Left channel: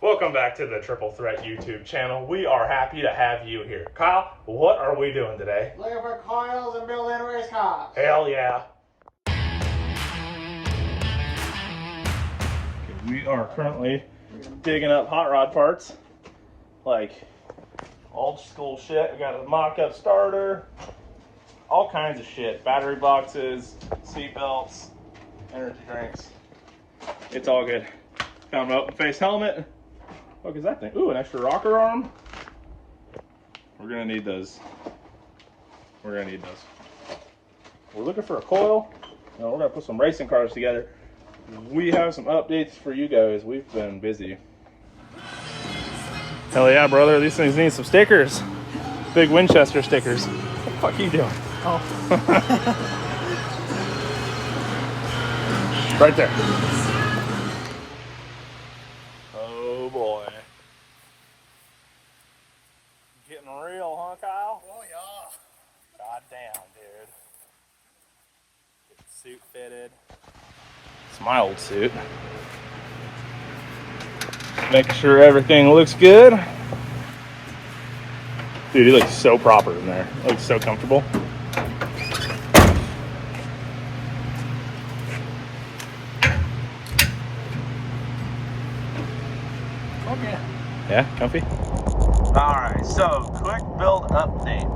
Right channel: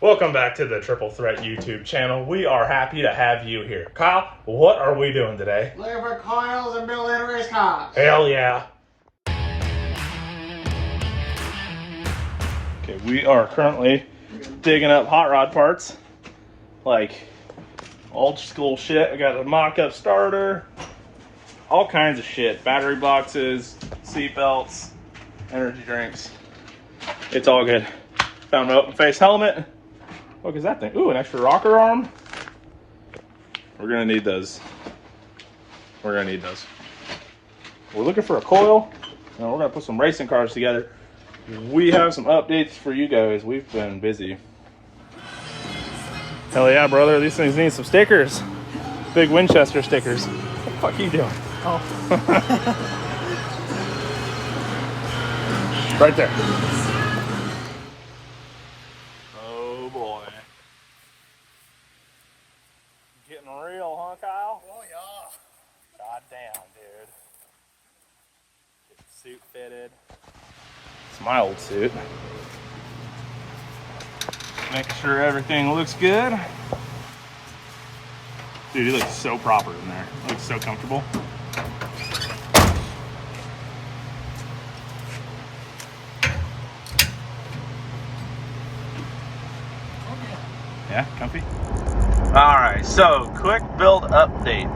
Welcome back to the Triple Threat YouTube channel. We are happy to have you here. Kyle, what are we doing today? Looking for coils and building race cars. Hell yeah. Okay, we are currently digging up hot rod parts. Like old school shit. I got a mock-up starter. All kinds of shit. Battery boxes, seat belts, energy drinks. It's all good. Found an open face helmet. What is that thing? Ooh, an extra rocker arm. We're gonna need those. We're looking for a coil, and we're gonna put some racing cars together. We have some updates for you guys. We've been busy. Hell yeah, brother. These things need some stickers. Big Winchester stickers. What the fuck are you doing? Oh. Right there. Getting real, huh, Kyle? Oh, yeah. God damn, dude. Get the suit fitted. It's my old suit. Making sure everything looks good. Dude, he looks so proper in there. He looks so comfortable. Okay. Yeah, comfy? Alright, so quick build update.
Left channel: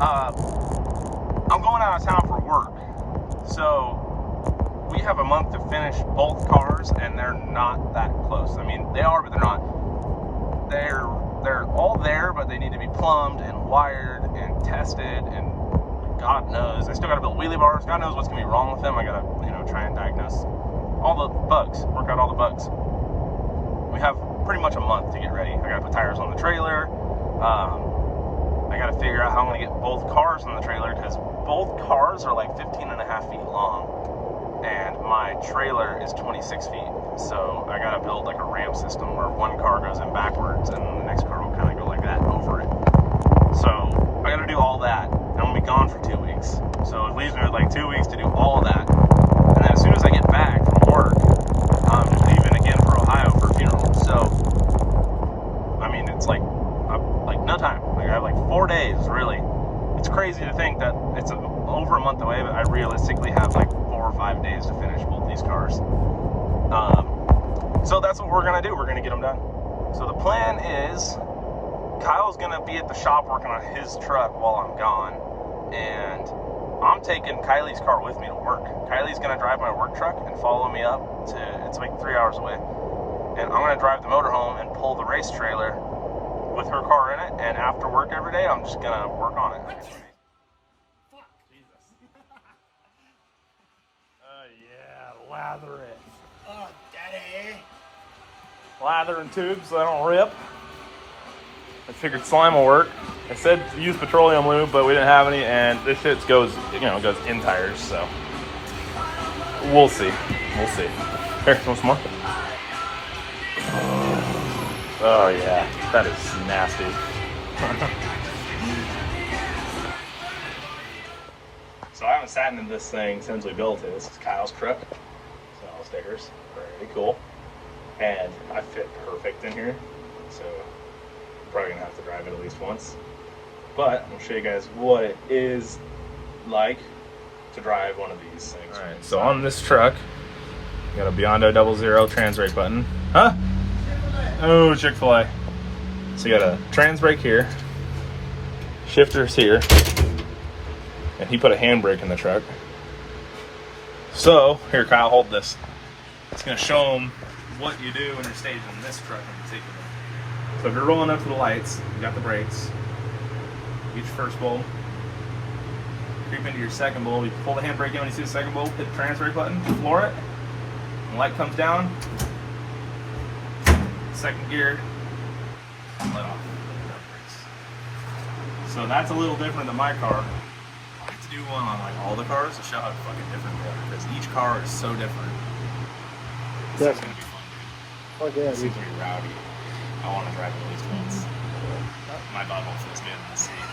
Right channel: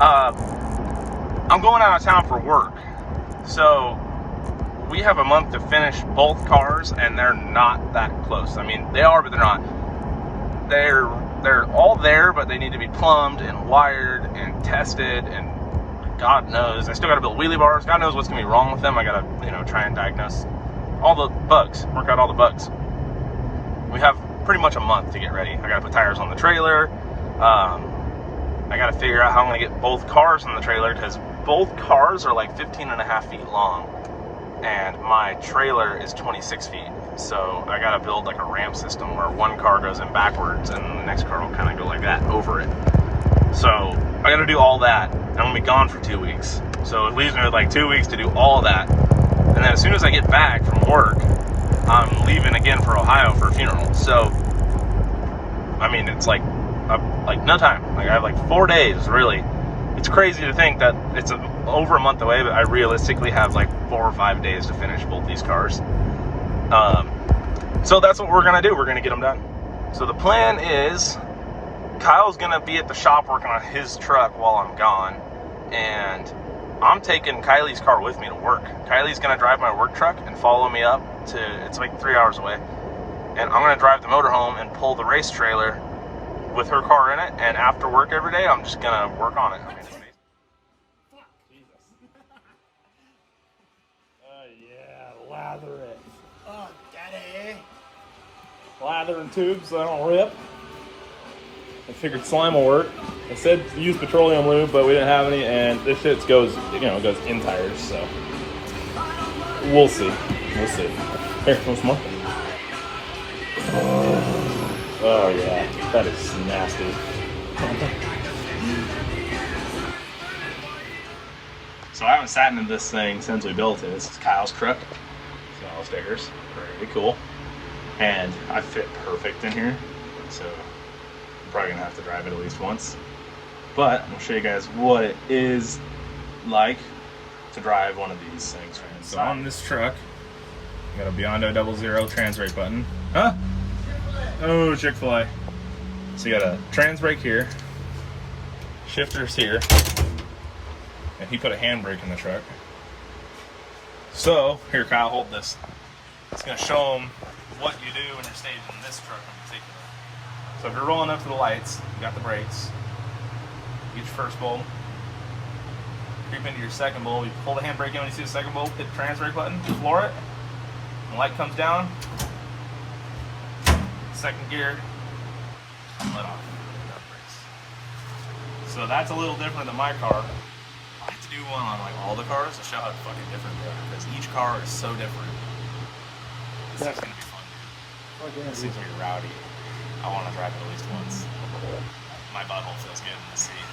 I'm going out of town for work. So we have a month to finish both cars, and they're not that close. I mean, they are, but they're not. They're all there, but they need to be plumbed and wired and tested, and God knows. I still gotta build wheelie bars. God knows what's gonna be wrong with them. I gotta, try and diagnose all the bugs, work out all the bugs. We have pretty much a month to get ready. I gotta put tires on the trailer. I gotta figure out how I'm gonna get both cars on the trailer, because both cars are like 15.5 feet long, and my trailer is 26 feet. So I gotta build like a ramp system where one car goes in backwards and the next car will kind of go like that over it. So I gotta do all that. I'm gonna be gone for 2 weeks. So it leaves me with like 2 weeks to do all that. And then as soon as I get back from work, I'm leaving again for Ohio for a funeral. So, I mean, it's like no time. Like I have like 4 days, really. It's crazy to think that it's over a month away, but I realistically have like 4 or 5 days to finish both these cars. So that's what we're gonna do. We're gonna get them done. So the plan is, Kyle's gonna be at the shop working on his truck while I'm gone, and I'm taking Kylie's car with me to work. Kylie's gonna drive my work truck and follow me up to, it's like 3 hours away. And I'm gonna drive the motorhome and pull the race trailer with her car in it, and after work every day, I'm just gonna work on it. Jesus. Oh yeah, lather it. Oh, daddy. Lather in tubes so they don't rip. I figured slime will work. I said use petroleum lube, but we didn't have any, and this shit goes, goes in tires, so we'll see. We'll see. Here, want some more? Oh yeah, that is nasty. So I haven't sat in this thing since we built it. This is Kyle's truck. So all stickers, pretty cool. And I fit perfect in here, so I'm probably gonna have to drive it at least once. But I'll show you guys what it is like to drive one of these things. Right, so on this truck, I'm gonna Biondo 00 trans brake button. Huh? Oh, Chick-fil-A. So you got a trans brake here, shifters here, and he put a handbrake in the truck. So, here, Kyle, hold this. It's gonna show him what you do when you're staging this truck in particular. So if you're rolling up to the lights, you got the brakes, get your first bulb, creep into your second bulb, you pull the handbrake in when you see the second bulb, hit the trans brake button, floor it, and the light comes down, second gear, let off. So that's a little different than my car. I have to do one on like all the cars to show how fucking different they are, because each car is so different. This is gonna be fun, dude. Oh, yeah, This is gonna be rowdy. I want to drive it at least once. My butthole feels good in this seat.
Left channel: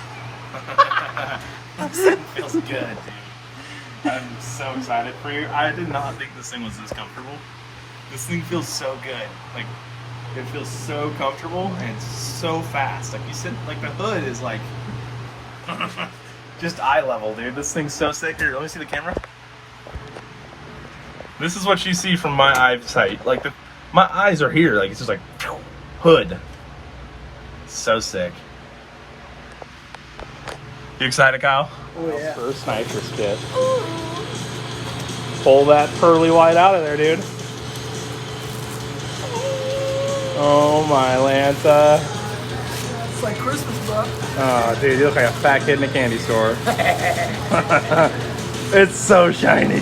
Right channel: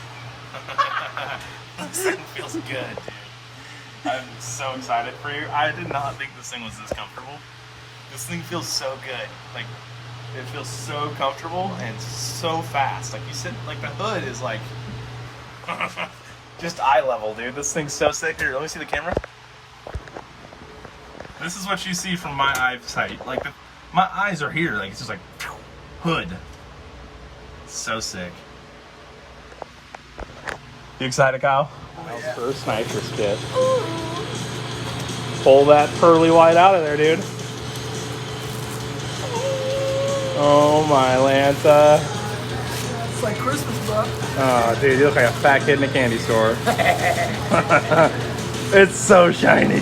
This thing feels good, dude. I'm so excited for you. I did not think this thing was this comfortable. This thing feels so good. Like, It feels so comfortable and so fast. Like you said, like the hood is like just eye level, dude. This thing's so sick. Here, let me see the camera. This is what you see from my eyesight. Like my eyes are here. Like it's just like hood. So sick. You excited, Kyle? Oh, yeah. First nitrous kit. Pull that pearly white out of there, dude. Oh my Lanta. It's like Christmas, bro. Oh, dude, you look like a fat kid in a candy store. It's so shiny.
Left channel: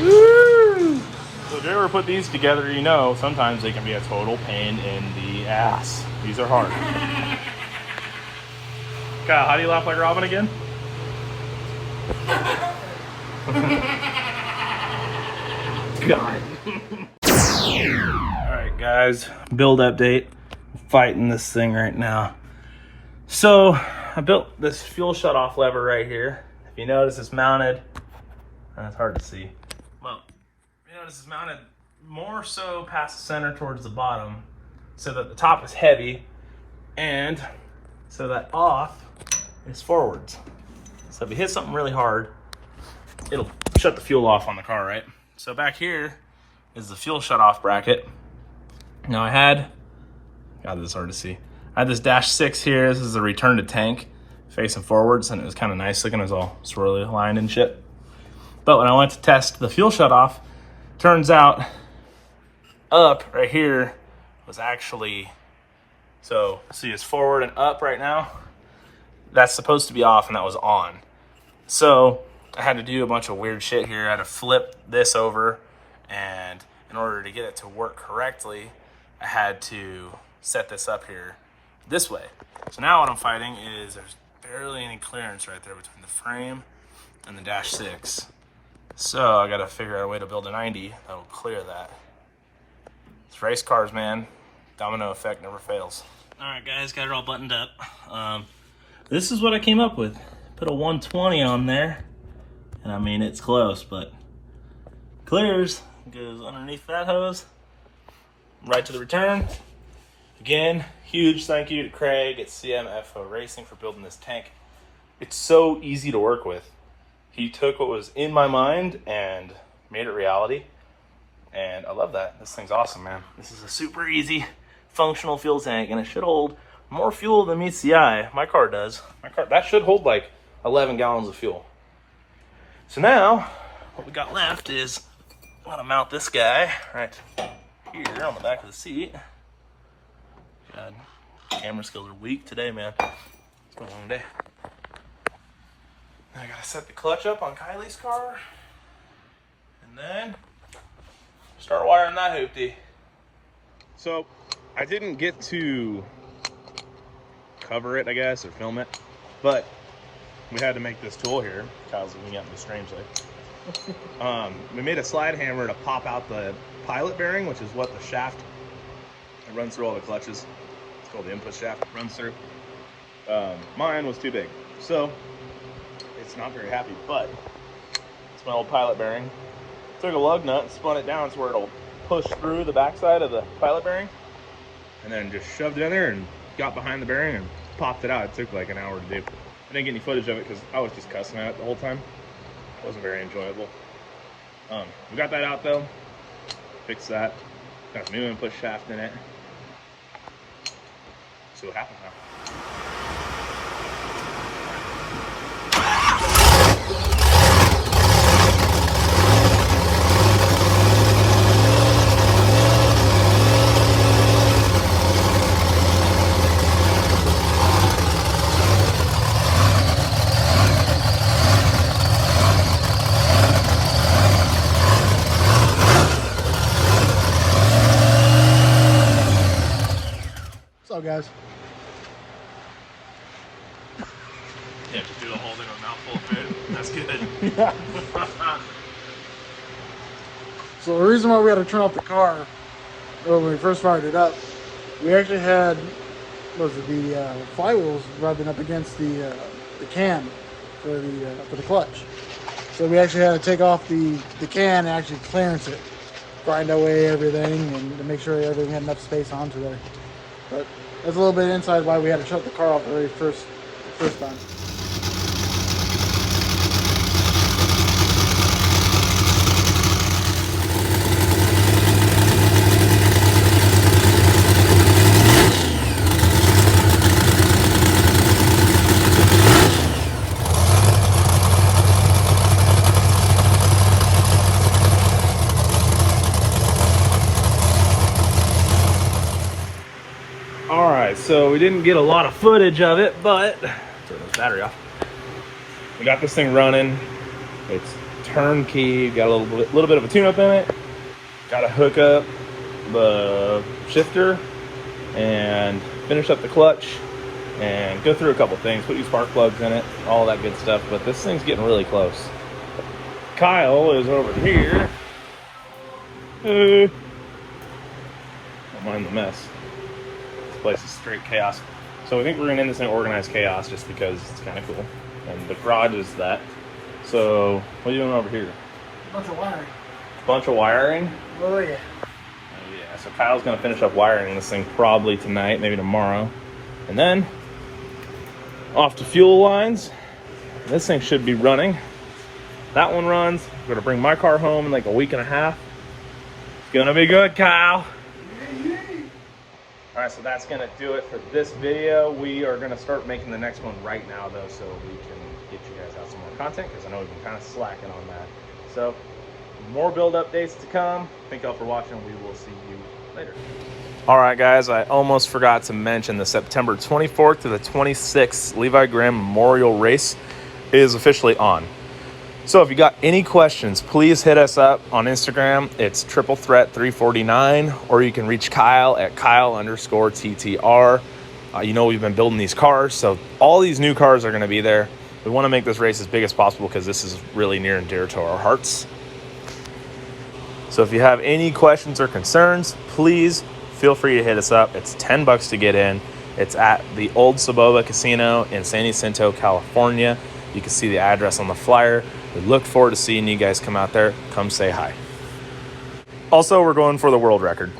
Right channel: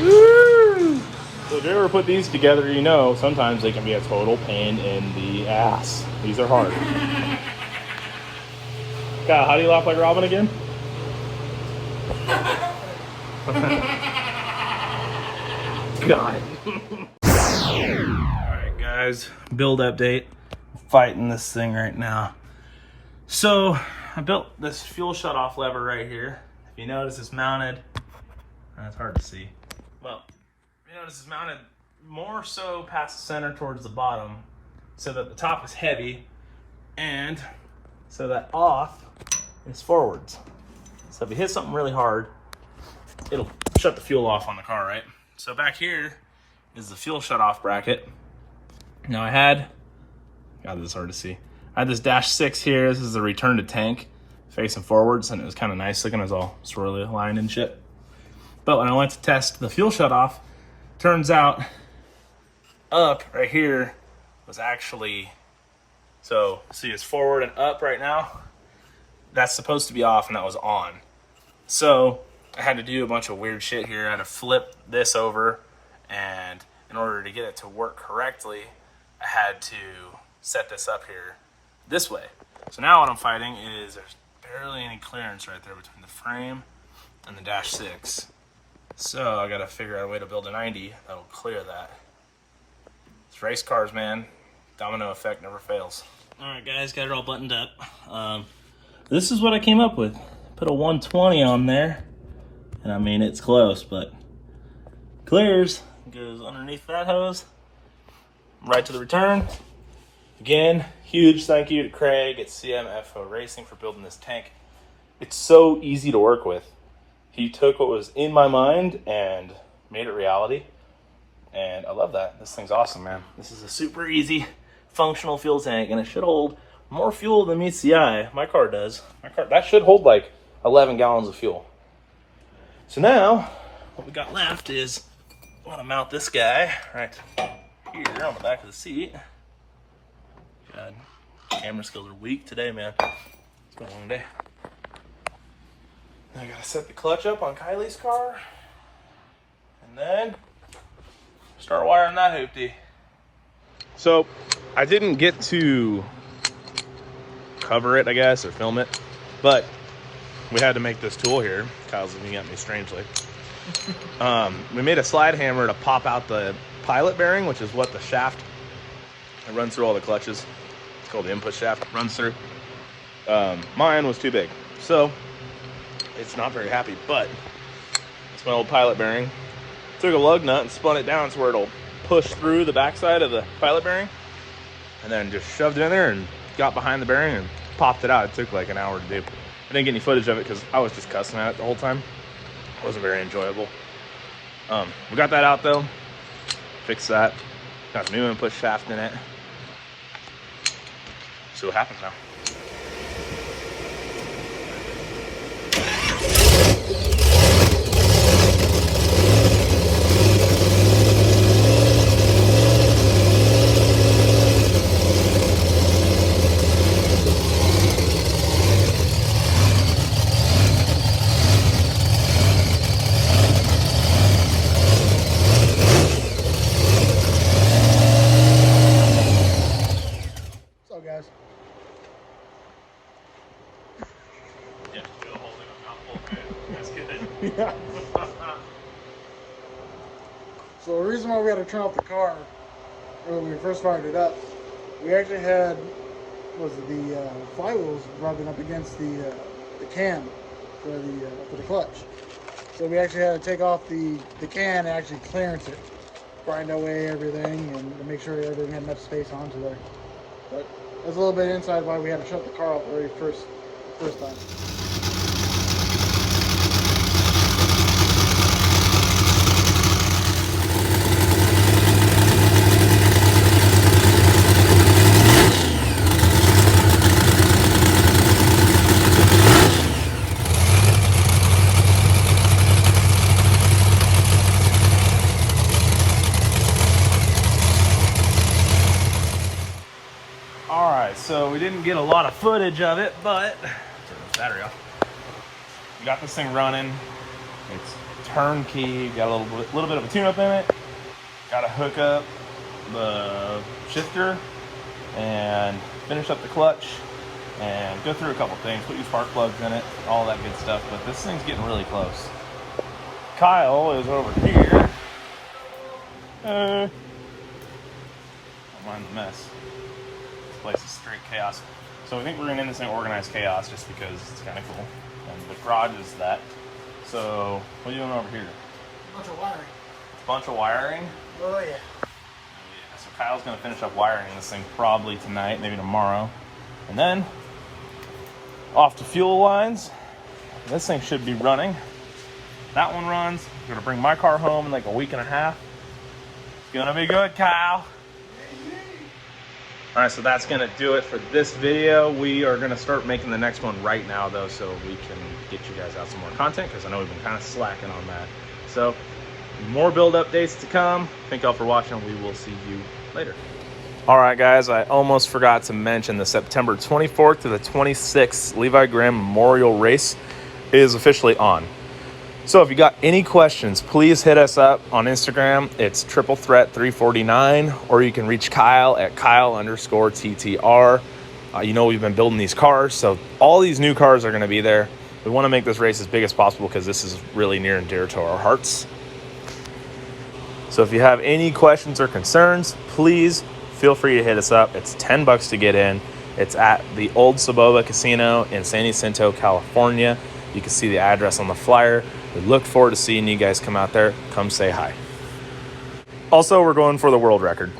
Woo! So if you ever put these together, you know sometimes they can be a total pain in the ass. These are hard. Kyle, how do you laugh like Robin again? Got it. Alright guys, build update. I'm fighting this thing right now. So I built this fuel shutoff lever right here. If you notice it's mounted, it's hard to see. Well, you notice it's mounted more so past the center towards the bottom so that the top is heavy and so that off is forwards. So if you hit something really hard, it'll shut the fuel off on the car, right? So back here is the fuel shutoff bracket. Now I had, God, this is hard to see. I had this -6 here. This is the return to tank facing forwards, and it was kind of nice looking. It was all swirly lined and shit. But when I went to test the fuel shutoff, turns out up right here was actually, so see it's forward and up right now. That's supposed to be off and that was on. So I had to do a bunch of weird shit here. I had to flip this over, and in order to get it to work correctly, I had to set this up here this way. So now what I'm fighting is there's barely any clearance right there between the frame and the -6. So I gotta figure out a way to build a 90 that'll clear that. It's race cars, man. Domino effect never fails. All right, guys, got it all buttoned up. This is what I came up with. Put a 120 on there, and I mean it's close, but clears. Goes underneath that hose, right to the return. Again, huge thank you to Craig at CMFO Racing for building this tank. It's so easy to work with. He took what was in my mind and made it reality, and I love that. This thing's awesome, man. This is a super easy, functional fuel tank, and it should hold more fuel than meets the eye. My car does. My car, that should hold like 11 gallons of fuel. So now, what we got left is, I'm gonna mount this guy right here on the back of the seat. God, camera skills are weak today, man. It's been a long day. I gotta set the clutch up on Kylie's car, and then start wiring that hoopty. So I didn't get to cover it, I guess, or film it, but we had to make this tool here. Kyle's looking at me strangely. We made a slide hammer to pop out the pilot bearing, which is what the shaft that runs through all the clutches. It's called the input shaft, runs through. Mine was too big, so it's not very happy, but it's my old pilot bearing. Took a lug nut and spun it down so where it'll push through the backside of the pilot bearing, and then just shoved it in there and got behind the bearing and popped it out. It took like an hour to do. I didn't get any footage of it because I was just cussing at it the whole time. It wasn't very enjoyable. We got that out though. Fixed that. Got the new input shaft in it. See what happens now. What's up, guys? Yeah, just do a whole little mouthful of food. That's good. Yeah. So the reason why we had to turn off the car when we first fired it up, we actually had, what was it, the flywheels rubbing up against the can for the clutch. So we actually had to take off the can and actually clearance it. grind away everything and to make sure everything had enough space onto there. But that's a little bit inside why we had to shut the car off the very first time. All right, so we didn't get a lot of footage of it, but turn this battery off. We got this thing running. It's turnkey. Got a little bit of a tune-up in it. Got to hook up the shifter and finish up the clutch and go through a couple things. Put your spark plugs in it, all that good stuff. But this thing's getting really close. Kyle is over here. Don't mind the mess. This place is straight chaos. So I think we're gonna end this in organized chaos just because it's kind of cool. And the garage is that. So what are you doing over here? Bunch of wiring. Bunch of wiring? Oh yeah. Oh yeah. So Kyle's gonna finish up wiring this thing probably tonight, maybe tomorrow. And then off to fuel lines. This thing should be running. That one runs. I'm gonna bring my car home in like a week and a half. It's gonna be good, Kyle. All right, so that's gonna do it for this video. We are gonna start making the next one right now though, so we can get you guys out some more content, because I know we've been kind of slacking on that. So more build updates to come. Thank y'all for watching. We will see you later. All right, guys, I almost forgot to mention the September 24th to the 26th Levi Graham Memorial Race is officially on. So if you got any questions, please hit us up on Instagram. It's Triple Threat 349, or you can reach Kyle at Kyle_TTR. You know, we've been building these cars, so all these new cars are going to be there. We want to make this race as big as possible because this is really near and dear to our hearts. So if you have any questions or concerns, please feel free to hit us up. It's $10 to get in. It's at the Old Saboba Casino in San Jacinto, California. You can see the address on the flyer. We look forward to seeing you guys come out there. Come say hi. Also, we're going for the world record.